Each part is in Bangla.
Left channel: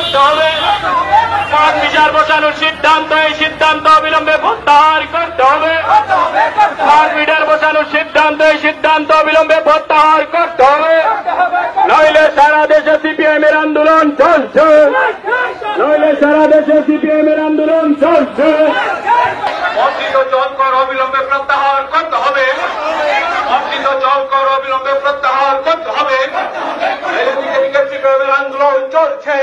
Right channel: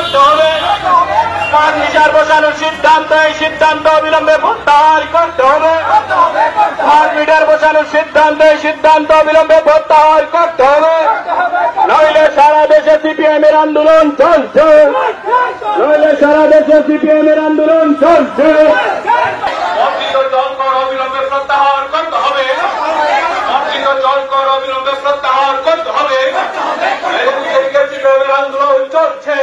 করতে হবে। স্মার্ট মিটার বসানোর সিদ্ধান্ত, এই সিদ্ধান্ত অবিলম্বে প্রত্যাহার করতে হবে। স্মার্ট মিটার বসানোর সিদ্ধান্ত, এই সিদ্ধান্ত অবিলম্বে প্রত্যাহার করতে হবে। নইলে সারা দেশে সিপিএম এর আন্দোলন চলছে, নইলে সারা দেশে সিপিএম এর আন্দোলন চলছে। বর্ধিত জল কর অবিলম্বে প্রত্যাহার করতে হবে। বর্ধিত জল কর অবিলম্বে প্রত্যাহার করতে হবে। সিপিএম এর আন্দোলন চলছে।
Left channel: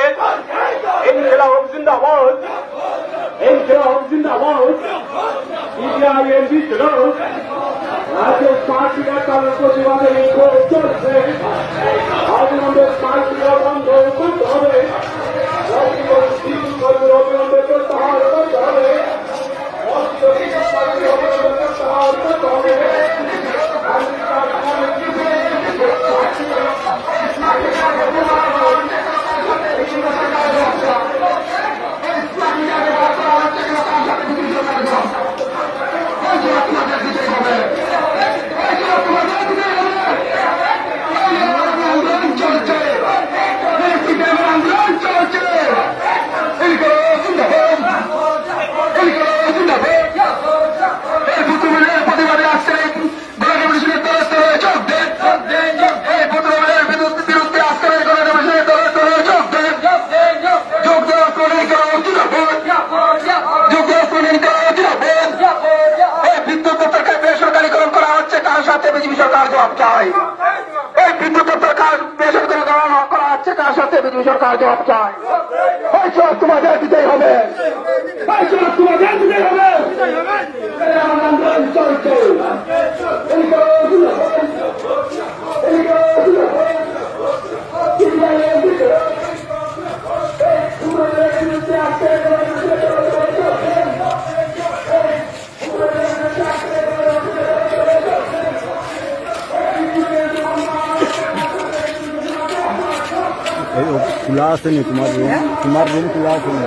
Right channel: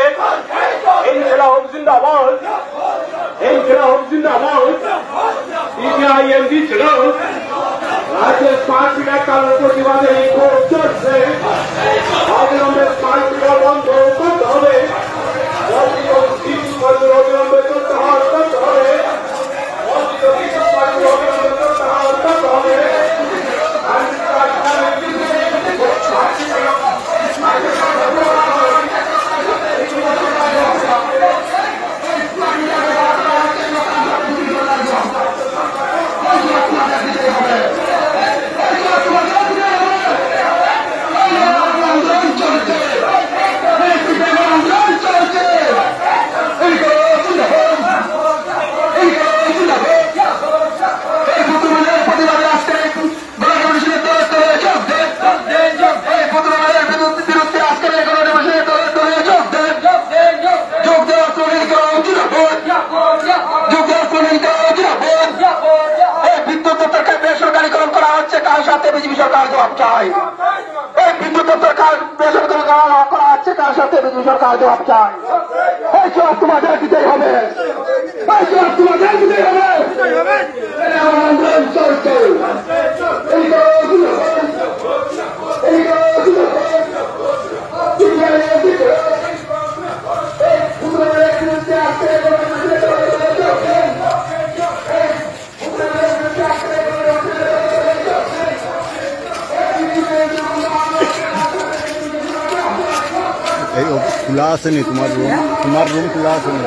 ইনকিলাব জিন্দাবাদ, ইনকিলাব জিন্দাবাদ। সিপিআইএম ছিল রাজ্যের স্মার্ট মিটার চালুর প্রতিবাদে বিক্ষোভ চলছে। অবিলম্বে স্মার্ট মিটার বন্ধ করতে হবে। অবিলম্বে প্রত্যাহার করতে হবে। প্রত্যাহার করতে হবে। বেসরকারীকরণ করা হচ্ছে, কার সাথে বিজেপি সরকার জবাব চায়। এই বিদ্যুৎ বেসরকারীকরণ করা হচ্ছে, কার সাথে বিজেপি সরকার জবাব চায়। এই জবাব তোমাদের দিতেই হবে, এই জবাব তোমাদের দিতেই হবে। আন্দোলন চলছে। এই খোলা আছে নি তোমার রুম খোলা আছে নি?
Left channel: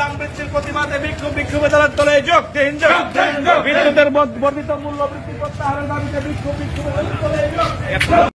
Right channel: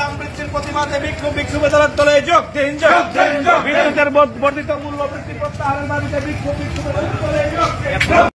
দাম বৃদ্ধির প্রতিবাদে বিক্ষোভ দলে যোগ দিন। বিদ্যুতের বর্ধিত মূল্য বৃদ্ধি প্রত্যাহারের দাবিতে বিক্ষোভ